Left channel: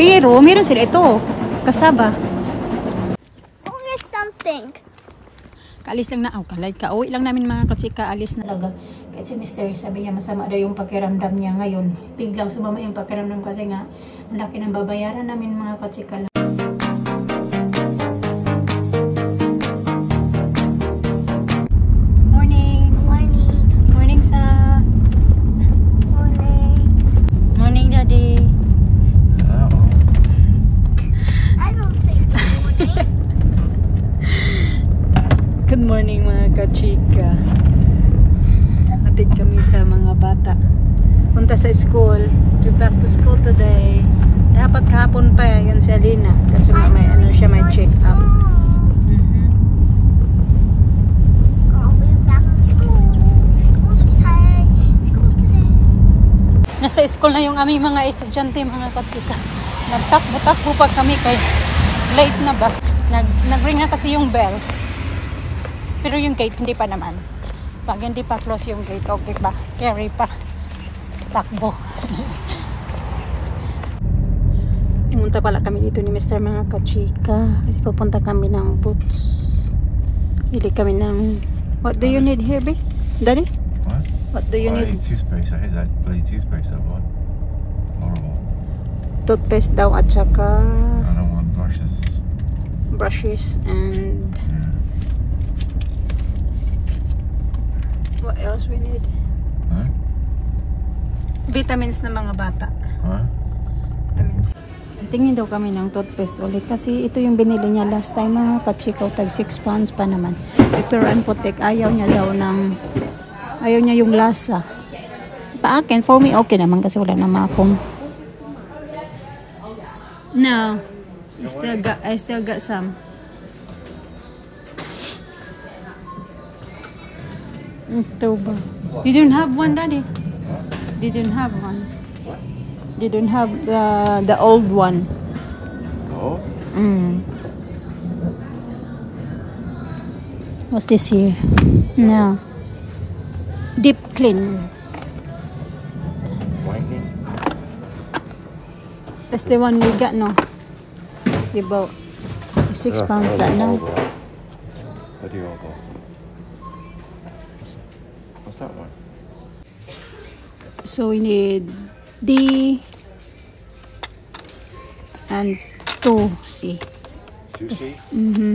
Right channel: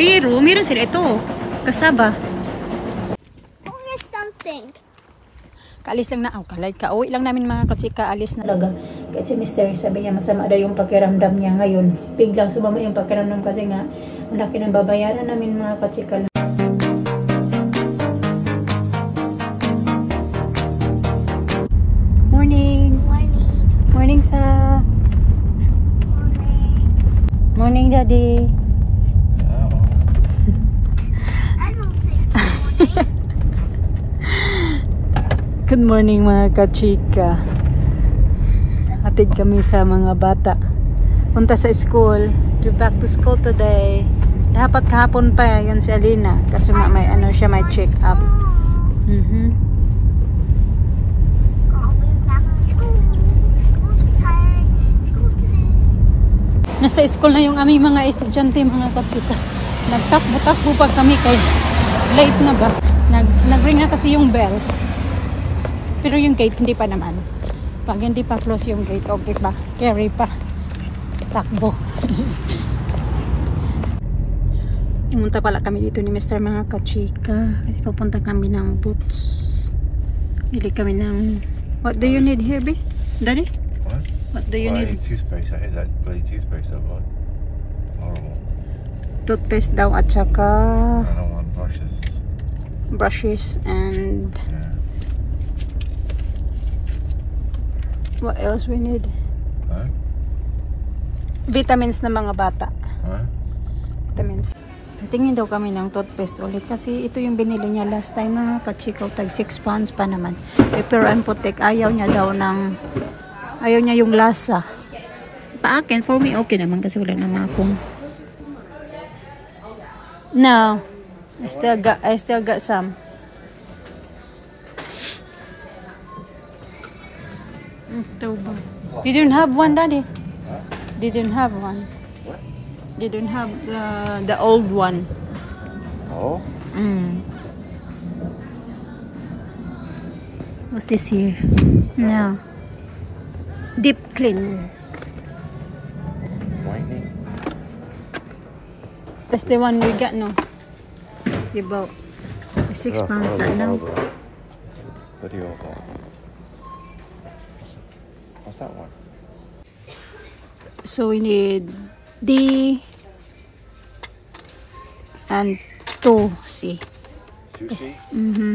Pero, meron sila ito. Kasaba. Oh, there's something. Kaalis lang na. Kalay ka. Uwi lang namin mga katsika. Alis na talaga. Kahit si Mr. sabi niya masama daw yung pakiramdam niya ngayon. Biglang sumama yung pakiramdam kasi nga ang laki ng babayaran namin mga katsika. Morning. Morning. Morning sa. Morning. Morning, Daddy. I don't say morning. Good morning mga kachika. Hatid kami sa mga bata. Punta sa school. We're back to school today. Dapat kahapon pa yun si Alina. Kasi nga may ano siya, may check up. Nasa school na yung aming mga estudyante mga kachika. Nagtakbo-takbo pa kami kay late na ba? Nag-ring na kasi yung bell. Pero yung gate hindi pa naman. Pag hindi pa close yung gate, okay pa. Carry pa. Takbo. Pumunta pala kami dito ni Mr. mga kachika. Kasi pupunta kami ng Boots. Bili kami ng... What do you need here, babe? Daddy? What? What do you need? Toothpaste. I hate that bloody toothpaste I bought. Horrible. Toothpaste daw at saka... I don't want brushes. Brushes and... What else we need? Huh? Vitamins na mga bata. Huh? Vitamins. Tingin daw kami ng toothpaste ulit kasi ito yung binili niya last time mga kachikaw. Tag 6 pounds pa naman. Repair and Protect. Ayaw niya daw ng... Ayaw niya yung lasa. Pa akin, for me okay naman kasi wala naman akong... No. I still got some. Ito ba? Didn't have one, Daddy. Didn't have one. What? Didn't have the old one. Oh? What's this here? No. Deep clean. Whitening? That's the one we got, no? We bought 6 pounds that now. What do you want that? What's that one? So we need D and 2C. 2C? Mm-hmm.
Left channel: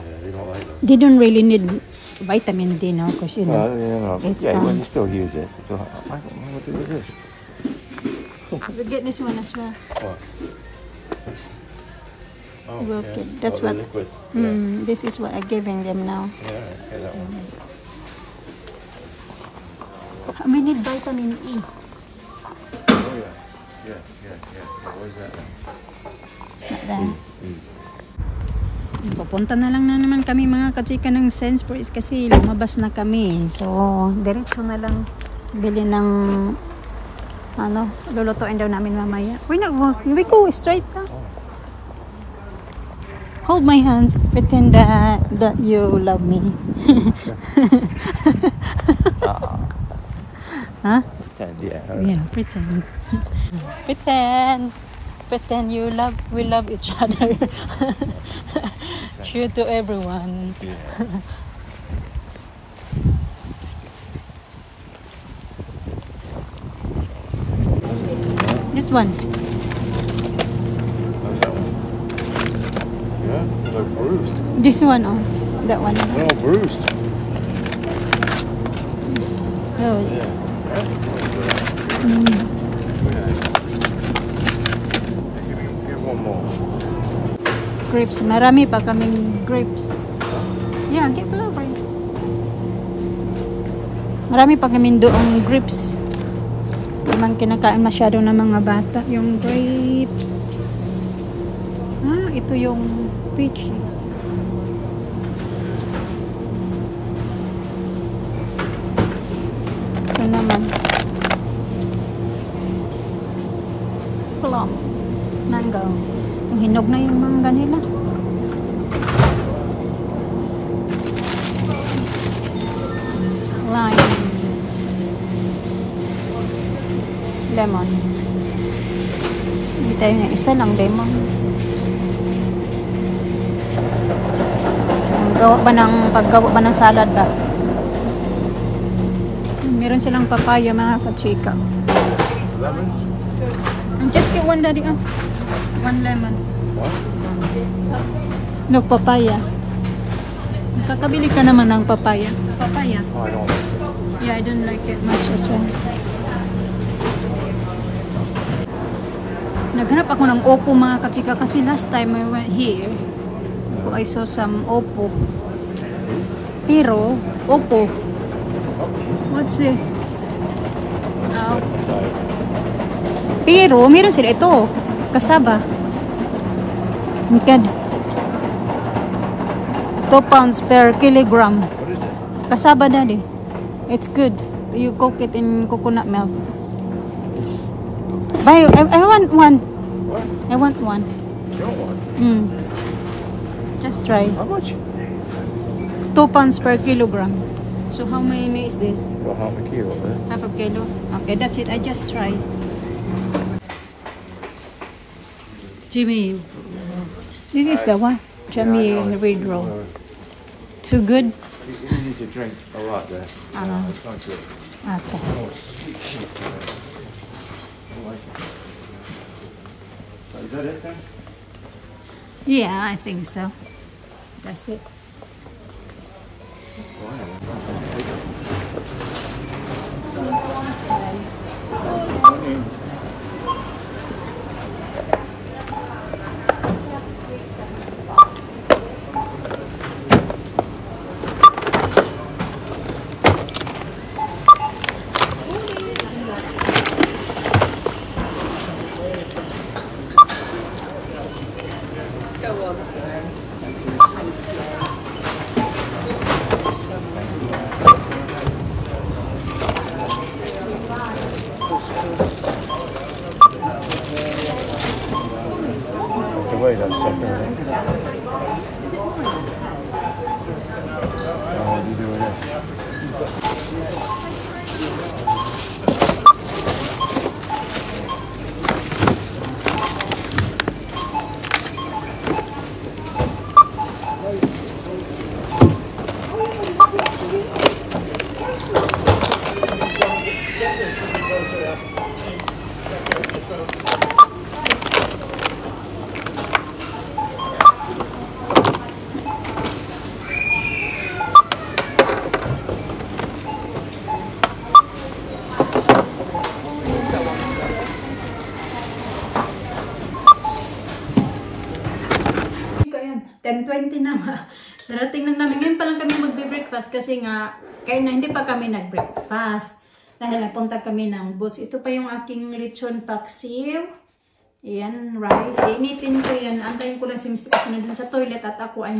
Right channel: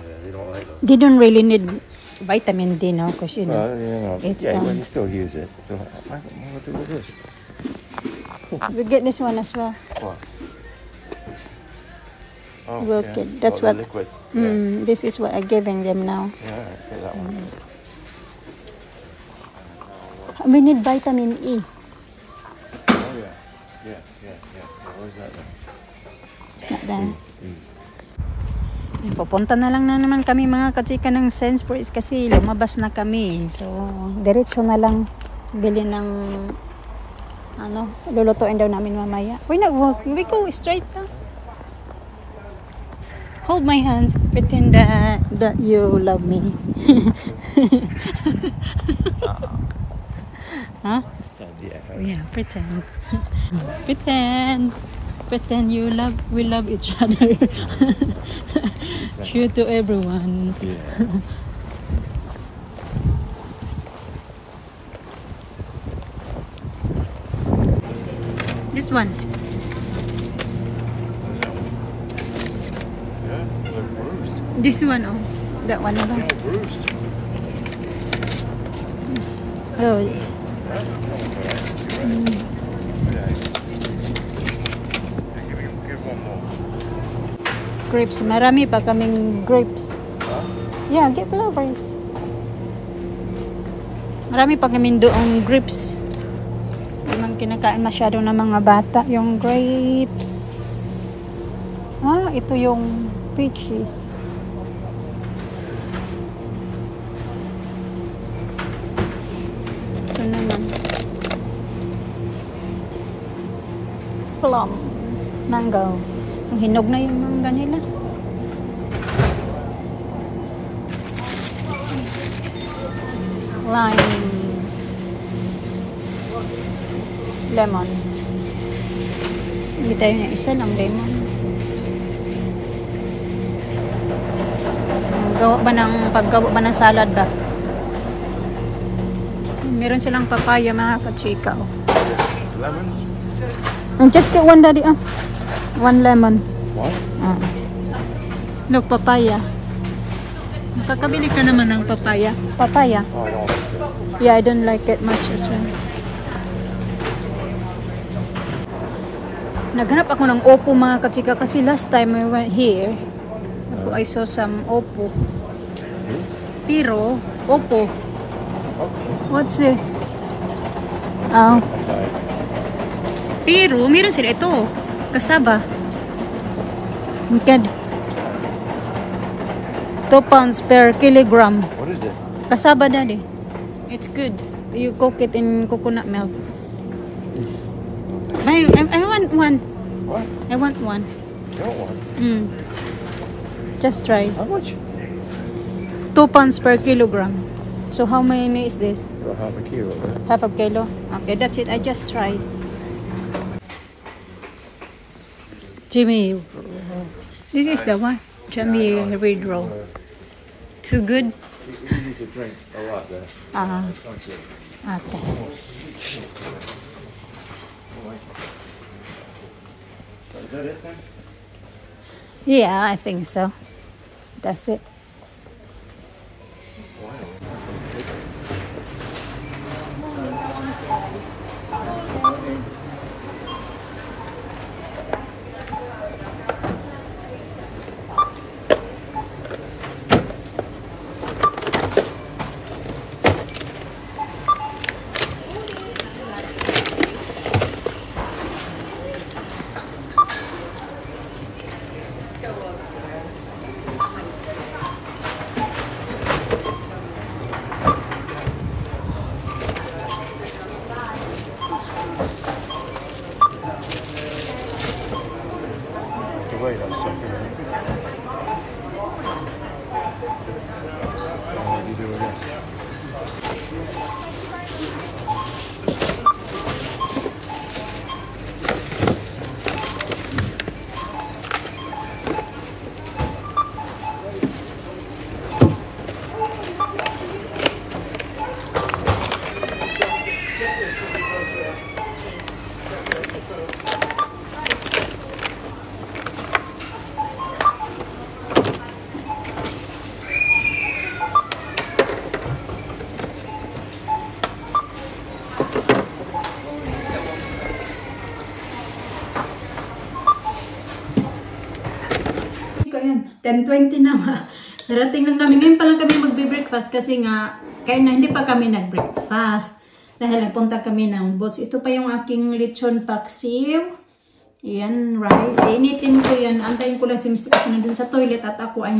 Yeah, they don't like them. They don't really need vitamin D, no? Because you know, it's yeah, you still use it. So what do with this? we get this one as well. Oh, Okay, yeah. that's what. Liquid. This is what I'm giving them now. Yeah, okay, that one. We need vitamin E. Oh, yeah. Yeah. Where's that one? It's not there. Pupunta na lang na naman kami mga kachika ng Sainsbury's kasi lumabas na kami. So, diretso na lang bili ng ano, lulutuin daw namin mamaya. We're not walking. We go straight down. Hold my hands. Pretend that you love me. Huh? Pretend, yeah. Yeah, pretend. Pretend we love each other. True to everyone. Yeah. This one. Yeah, they're bruised. This one, oh. That one. They're all bruised. Oh. Grapes. Marami pa kaming grapes. Yeah, get flowers. Marami pa kaming doong grapes. Hindi man kinakain masyado ng mga bata. Yung grapes. Ito yung peaches. Ito naman. Plum. Mango. Hinog na yung mangga nila. Lime. lemon. Hindi tayo niya isa lang lemon. Paggawa ba ng salad ba? Meron silang papaya mga kachika. Lemons? Just get one daddy. One lemon. Look, papaya. Kakabili ka naman ng papaya. Papaya. Oh, I don't like it. Yeah, I don't like it much as well. Naghanap ako ng Oppo mga kachika kasi last time I went here, I saw some Oppo. Pero, Oppo. What's this? Pero, meron sila ito. Kasaba. Mikad. 2 pounds per kilogram. What is it? Kasaba daddy. It's good. You cook it in coconut milk. Buy, I want one. What? I want one. You don't want it? Just try. How much? 2 pounds per kilogram. So how many is this? Well, half a kilo, right? Half a kilo? Okay, that's it. I just try. Jimmy, this is the one. Jimmy Red Roll. Too good? You need to drink a lot there. It's not good. Okay. Is that it then? Yeah, I think so. That's it. Wait a second. Oh, you doing this? Ayan, 10:20 na nga. Darating lang namin. Ngayon pa lang kami magbe-breakfast kasi nga, kaya na hindi pa kami nag-breakfast. Dahil nagpunta kami ng Boots. Ito pa yung aking lechon paksiw. Ayan, rice. Initin ko yan. Antayin ko lang si Mr. kasi nandun sa toilet at ako ay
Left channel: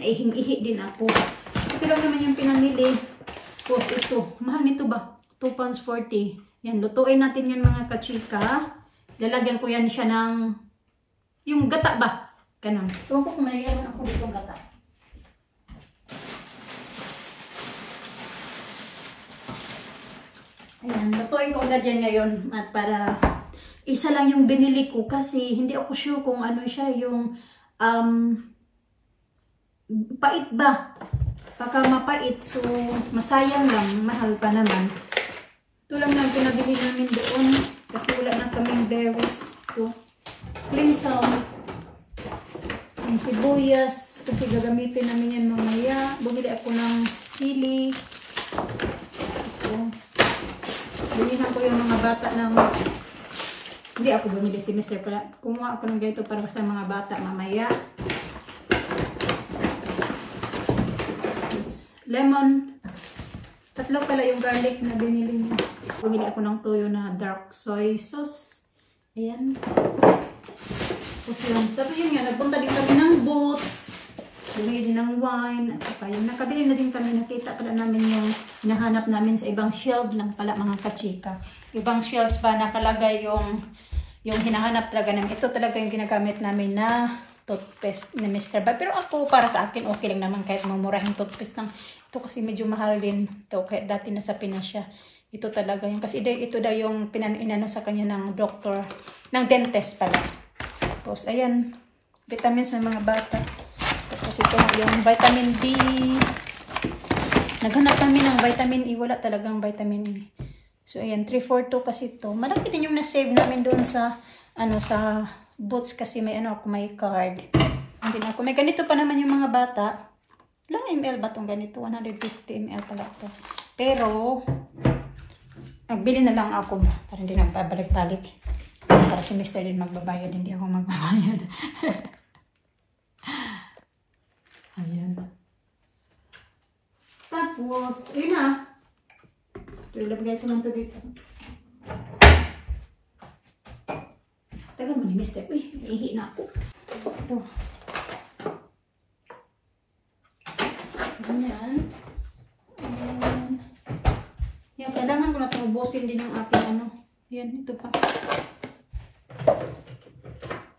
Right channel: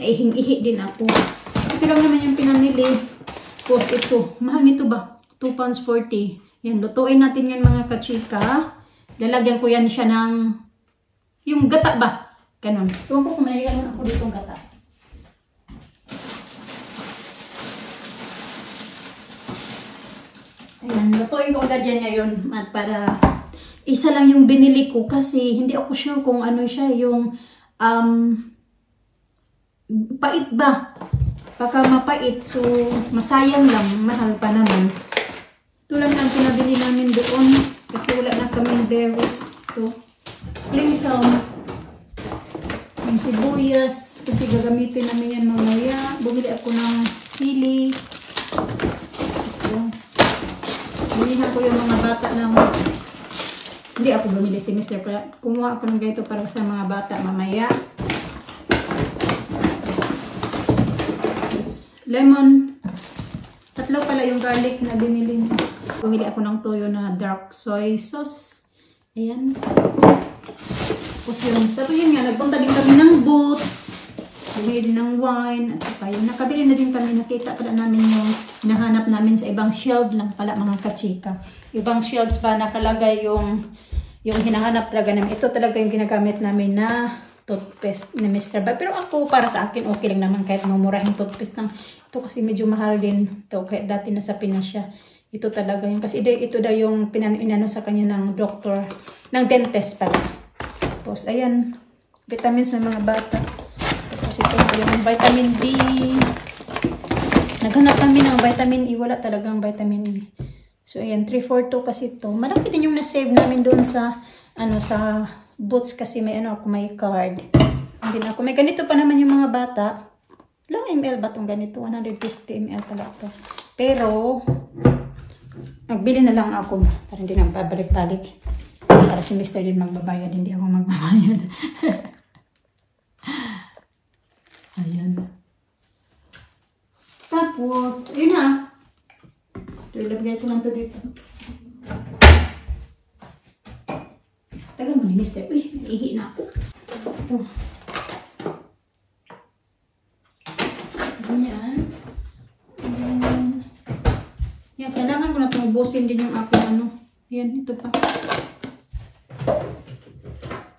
naihing-ihi din ako. Ito lang naman yung pinamili. Tapos ito. Mahal nito ba? 2 pounds 40. Yan, lutuin natin yan mga kachika. Lalagyan ko yan siya ng yung gata ba? Ganun. Tuwan ko kung may ako dito gata. Ayan, lutuin ko agad yan ngayon. At para isa lang yung binili ko kasi hindi ako sure kung ano siya yung pait ba? Baka mapait. So, masayang lang. Mahal pa naman. Ito lang ang pinabili namin doon kasi wala na kaming berries. Ito. Lincoln. Ang sibuyas kasi gagamitin namin yan mamaya. Bumili ako ng sili. Ito. Bilihan ko yung mga bata ng hindi ako bumili si Mr. Kumuha ako ng ganito para sa mga bata mamaya. Lemon. 3 pala yung garlic na binili niya. Bumili ako ng toyo na dark soy sauce. Ayan. Tapos yun nga, nagpunta din kami ng Boots. Bumili din ng wine. At saka yun, nakabili na din kami. Nakita pala namin yung hinahanap namin sa ibang shelf lang pala mga kachika. Ibang shelves ba nakalagay yung hinahanap talaga namin. Ito talaga yung ginagamit namin na toothpaste ni Mr. Bob. Pero ako, para sa akin, okay lang naman kahit mamurahing toothpaste ng ito kasi medyo mahal din. Ito, kahit dati nasa Pinas siya. Ito talaga yun. Kasi ito daw yung inano sa kanya ng doctor, ng dentist pala. Tapos, ayan, vitamins ng mga bata. Tapos ito yung vitamin D. Naghanap kami ng vitamin E. Wala talagang vitamin E. So, ayan, 342 kasi ito. Malaki din yung na-save namin doon sa, sa Boots kasi may ako, may card. Hindi na ako. May ganito pa naman yung mga bata. Ilang ml ba itong ganito? 150 ml pala ito. Pero, nagbili na lang ako para hindi na pabalik-balik. Para si Mr. din magbabayad, hindi ako magbabayad. Ayan. Tapos, ayun na. Ito, ilagay ko lang ito dito. Tagal mo ni Mr. Uy, naihi na ako. Ito. Ganyan. Yan, kailangan ko na itong ubusin din yung aking Yan, ito pa.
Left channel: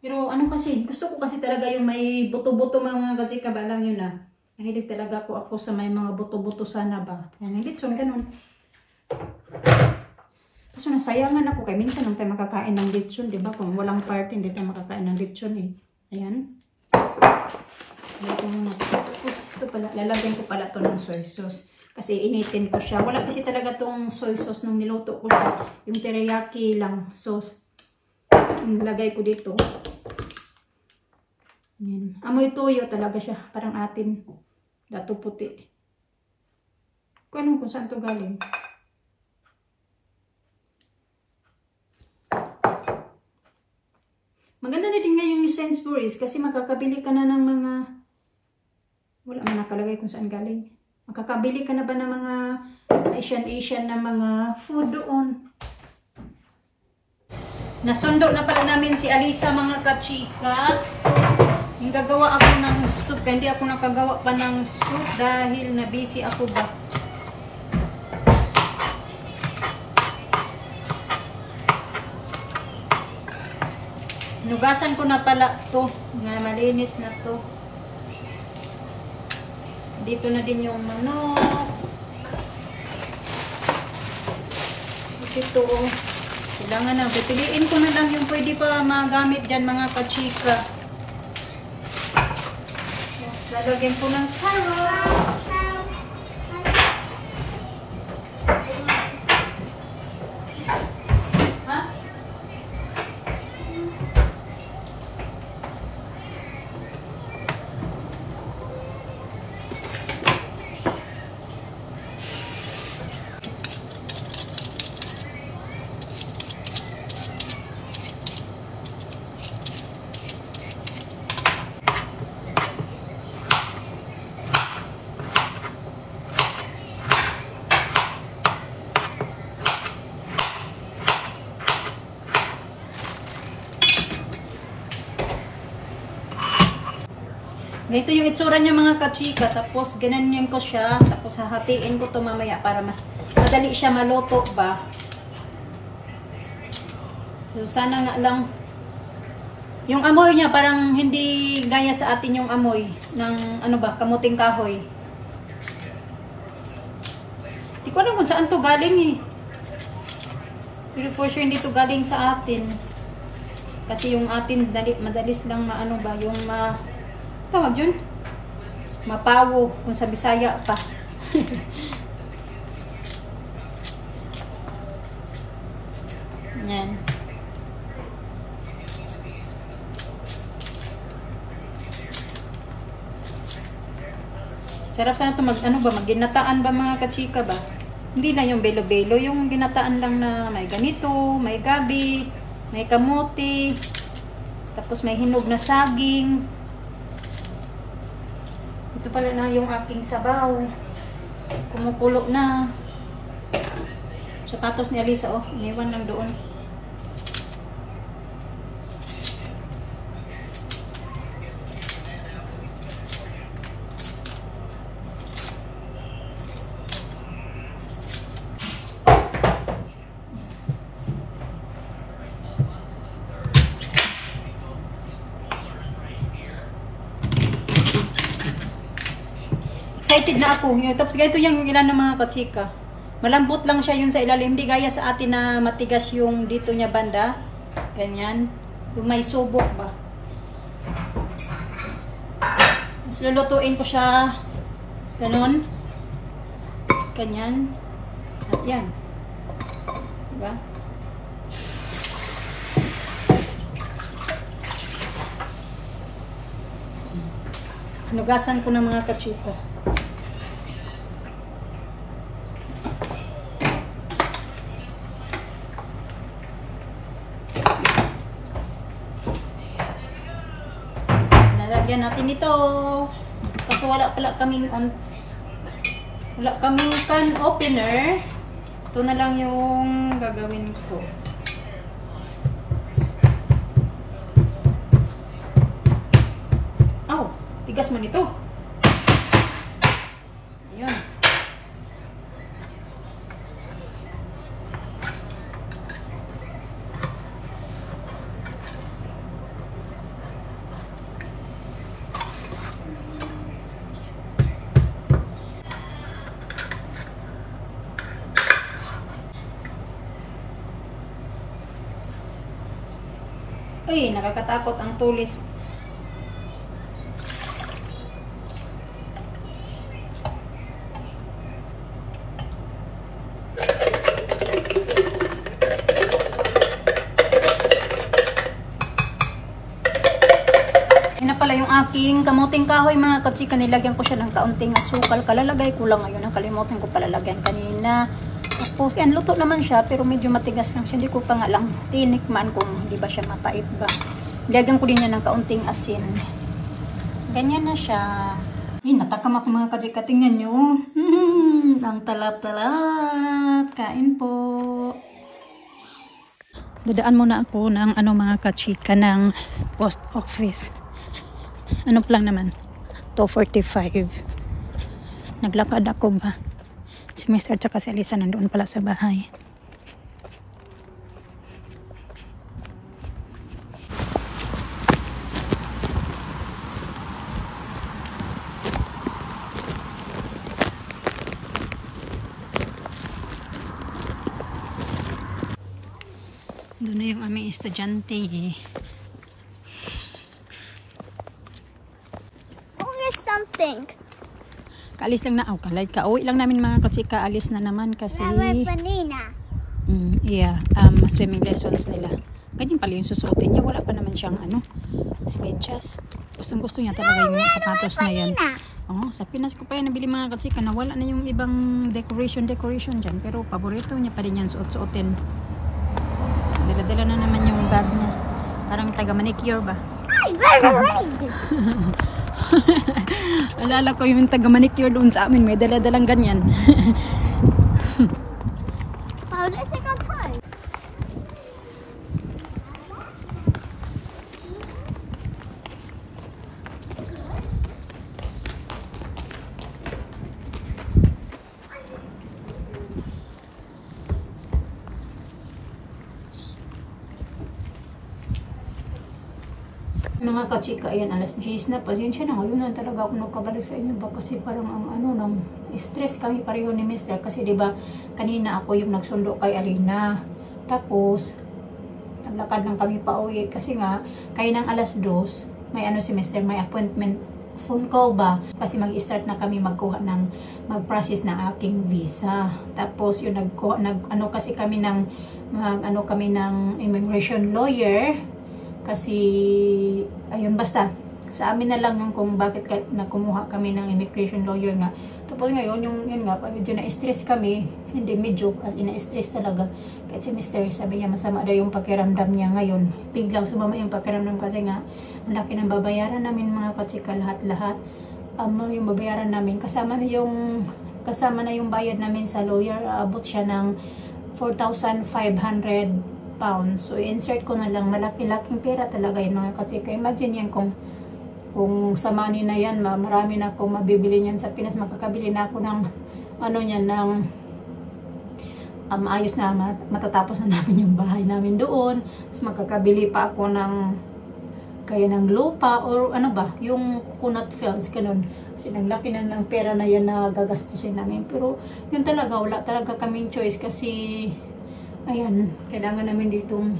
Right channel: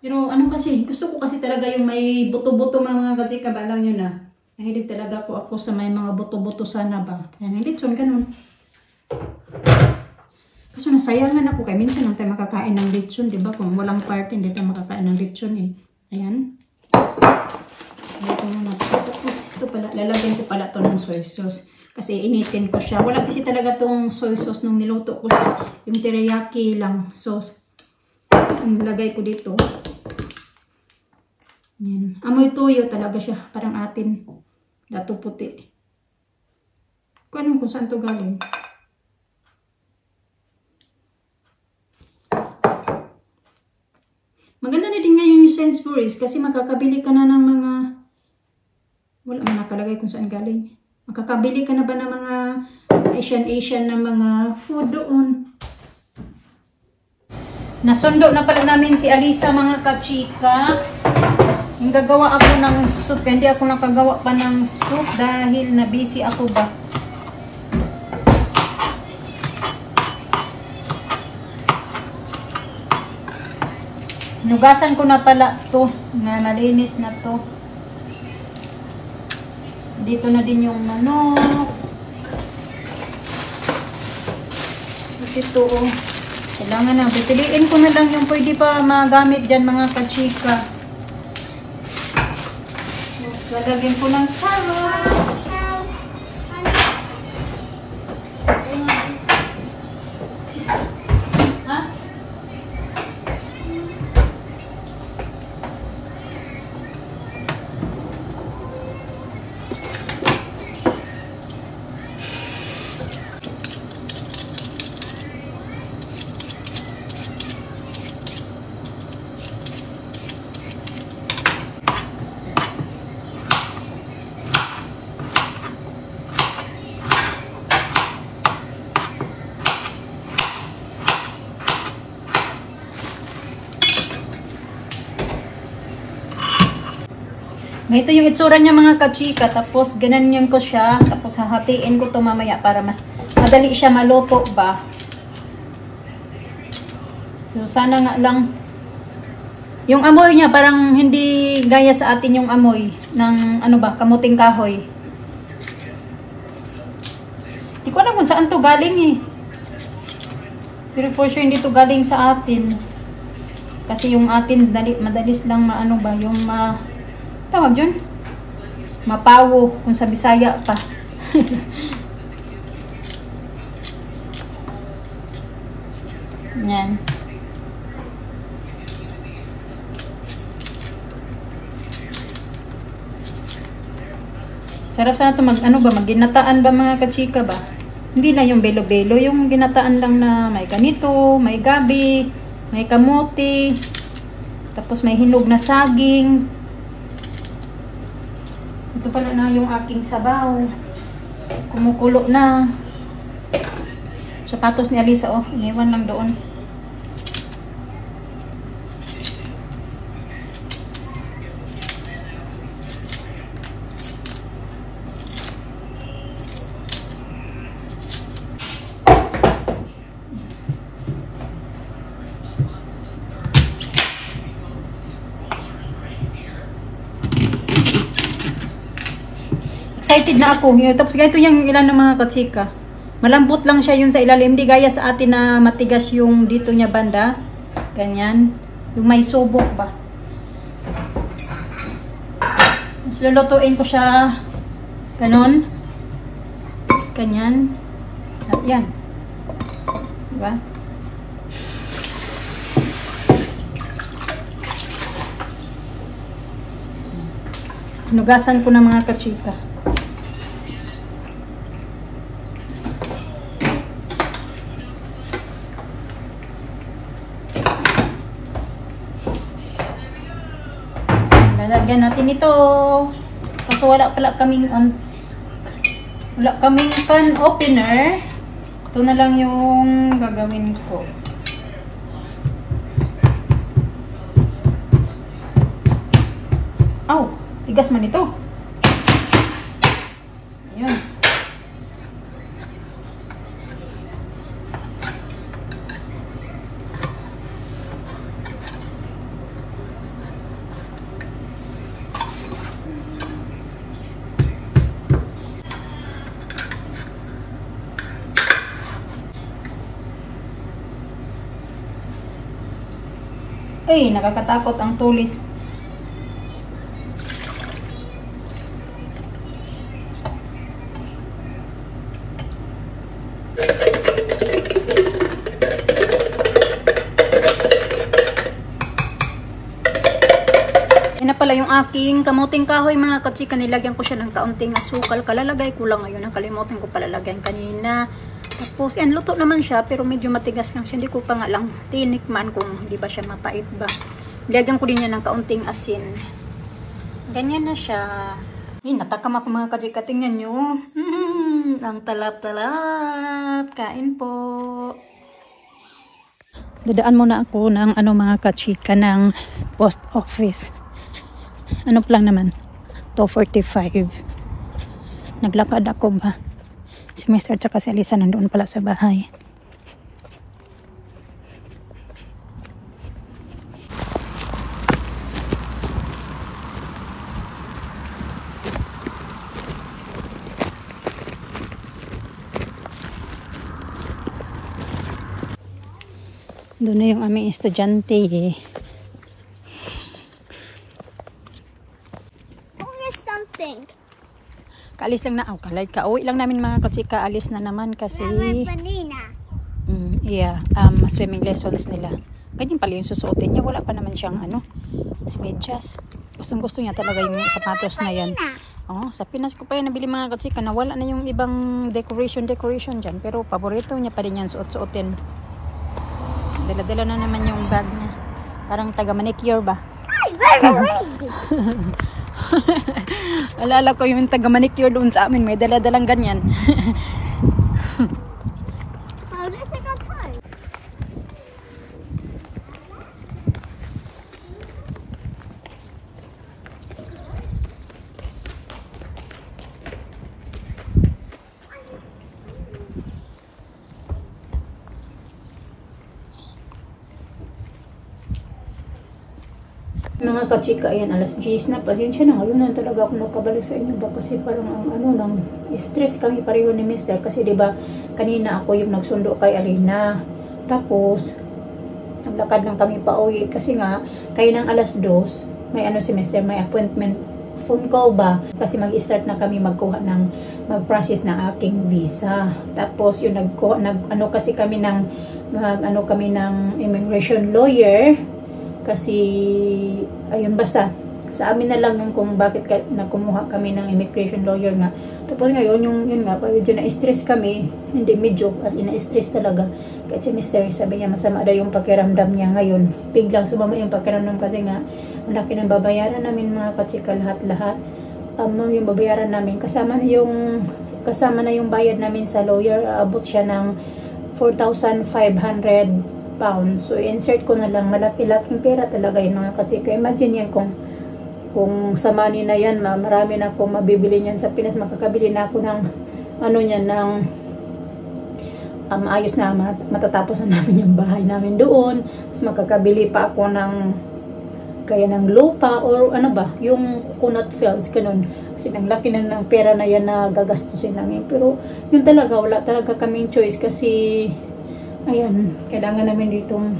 Pero kasi, gusto ko kasi talaga yung may buto-buto mga kachika ba, alam nyo na. Nahilig talaga ako sa may mga buto-buto sana ba. Yan, yung lechon, ganun. Kaso nasayangan ako kaya minsan lang tayo makakain ng lechon, di ba? Kung walang party, hindi tayo makakain ng lechon eh. Ayan. Ito muna. Tapos ito pala, lalagyan ko pala ito ng soy sauce. Kasi initin ko siya. Wala kasi talaga tong soy sauce nung niluto ko siya. Yung teriyaki lang sauce. Nilagay ko dito. Yan. Amoy toyo talaga siya. Parang atin. Dato puti. Kung alam kung saan to galing. Maganda na din ngayon yung Sainsbury's kasi makakabili ka na ng mga wala man nakalagay kung saan galing. Makakabili ka na ba ng mga Asian na mga food doon. Nasundo na pala namin si Alisa mga kachika. Yung gagawa ako ng soup. Hindi ako nakagawa pa ng soup dahil na busy ako ba. Hinugasan ko na pala ito. Malinis na to. Dito na din yung manok. Ito. Kailangan na. Piliin ko na lang yung pwede pa magamit dyan mga kachika. Lalagyan ko ng carrots. Ito yung itsura niya mga kachika. Tapos ganyan ko siya. Tapos hahatiin ko to mamaya para mas madali siya maluto ba. So sana nga lang. Yung amoy niya parang hindi gaya sa atin yung amoy ng kamuting kahoy. Hindi ko alam kung saan to galing eh. Pero for sure hindi to galing sa atin. Kasi yung atin madalis lang yung tawag yun? Mapawo. Kung sa Bisaya pa. Yan. Sarap sana ito mag-ginataan ba mga kachika ba? Hindi na yung belo-belo. Yung ginataan lang na may ganito, may gabi, may kamote, tapos may hinog na saging. Ito pala na yung aking sabaw. Kumukulo na. Sapatos ni Alisa, iniwan lang doon. Excited na ako. Tapos ganito yung ilan ng mga kachika. Malambot lang siya yung sa ilalim. Hindi gaya sa atin na matigas yung dito niya banda. Ganyan. Yung may subok ba. Mas lulutuin ko siya ganon. Ganyan. At yan. Diba? Nugasan ko ng mga kachika. Lalagyan natin ito. Kasi wala kaming pan opener. Ito na lang yung gagawin ko. Aw, tigas man ito. Ayan. Ay, nakakatakot ang tulis. Yan na pala yung aking kamuting kahoy mga katsika. Nilagyan ko siya ng kaunting asukal. Kalalagay ko lang ngayon. Nakalimutan ko palalagyan kanina. Tapos, yan, luto naman siya, pero medyo matigas lang siya. Hindi ko pa nga lang tinikman kung hindi ba siya mapait ba. Lagyan ko din yan ng kaunting asin. Ganyan na siya. Ay, natakam ako mga kajika. Tingnan nyo. Ang talap-talap. Kain po. Dadaan muna ako ng mga kachika ng post office. Ano lang naman? 2:45. Naglakad ako ba? Si Mr. at si Alisa nandoon pala sa bahay. Doon na yung aming estudyante eh. There's something. Kaalis lang na ako. Kauwi lang namin mga katsika. Alis na naman kasi Banana. swimming lessons nila. Ganyan pala yung susuotin niya. Wala pa naman siyang medyas. Gustong-gusto niya talaga yung sapatos na yan. Oh, sa Pinas ko pa yan nabili mga katsika. Nawala na yung ibang decoration dyan. Pero paborito niya pa rin yan suot-suotin. Dala-dala na naman yung bag niya. Parang taga-manicure ba? Alala ko yung taga-manicure doon sa amin. May dala-dalang ganyan. Oh, let's take our time. Mga kachika, ayan, alas 10 na. Pasensya na, ngayon na talaga ako nakabalik sa inyo ba kasi parang ang stress kami pareho ni Mr. Kasi diba, kanina ako yung nagsundo kay Alina. Tapos, naglakad lang kami pa uwi kasi nga, kayo ng alas 2, may si Mr. may appointment phone call ba? Kasi mag-start na kami mag-process ng aking visa. Tapos, yung kasi kami ng immigration lawyer. Kasi, ayun, basta, sa amin na lang yung kung bakit nakumuha kami ng immigration lawyer nga. Tapos ngayon, yun nga, medyo na-stress kami, hindi medyo, as in na-stress talaga. Kahit si Mr. sabi niya, masama daw yung pakiramdam niya ngayon. Biglang sumama yung pakiramdam kasi nga, ang laki ng babayaran namin mga katsika, lahat-lahat. Yung babayaran namin, kasama na yung bayad namin sa lawyer, abot siya ng 4,500 pounds. So, insert ko na lang. Malaki-laking pera talaga yung mga katsika. Imagine yan kung sa money na yan, marami na akong mabibili niyan sa Pinas. Makakabili na ako ng ayos na matatapos na namin yung bahay namin doon. Tapos makakabili pa ako ng gaya ng lupa or ano ba, yung coconut fields, ganun. Kasi ang laki na ng pera na yan na gagastusin namin. Pero yun talaga, wala talaga kaming choice kasi ayan, kailangan namin ditong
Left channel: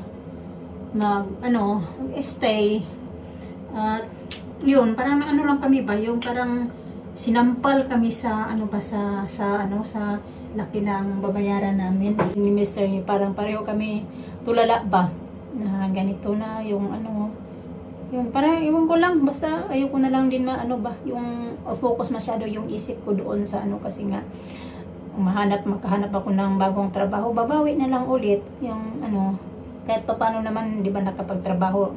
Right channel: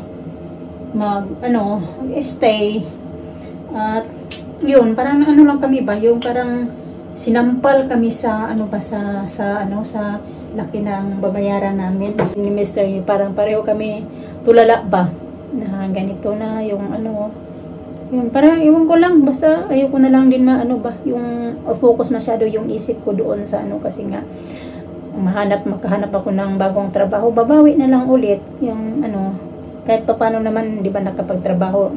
stay. At yun, parang ano lang kami ba, yung parang sinampal kami sa sa laki ng babayaran namin. Ni Mr. parang pareho kami tulala ba na ganito na yung yun, parang iwan ko lang, basta ayoko na lang din yung focus masyado yung isip ko doon sa kasi nga makahanap ako ng bagong trabaho, babawi na lang ulit yung kahit pa paano naman, di ba, nakapagtrabaho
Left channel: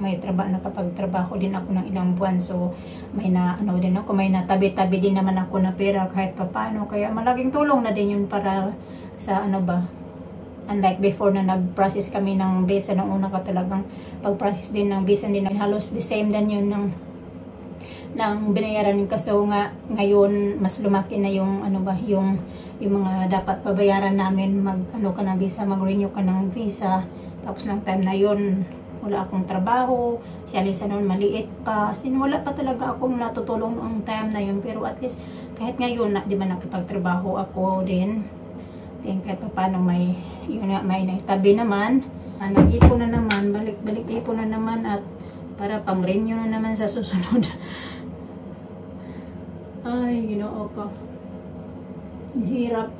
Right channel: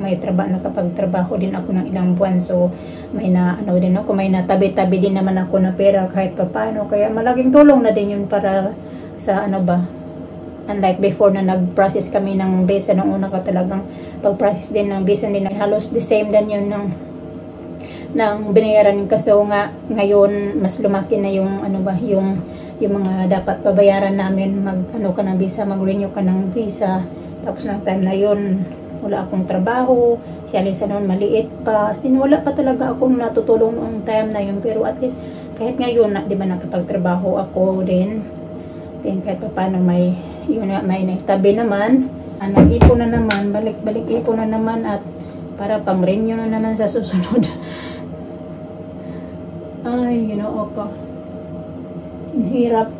din ako ng ilang buwan, so may din ako, may natabi-tabi din naman ako na pera kahit pa paano, kaya malaking tulong na din yun para sa unlike before na nag-process kami ng visa nung una ko, talagang pag-process din ng visa din halos the same din yun ng binayaran, kaso nga ngayon mas lumaki na yung yung mga dapat babayaran namin, ka ng visa, mag-renew ka ng visa. Tapos ng time na yun, wala akong trabaho. Si Alisa noon maliit pa. Wala pa talaga akong natutulong noong time na yun. Pero at least, kahit ngayon, di ba, nakapagtrabaho ako din. Then kahit pa paano may naitabi naman. Nag-ipon na naman, balik-balik ipon na naman at para pang-renew na naman sa susunod. Ay, ako. Hirap.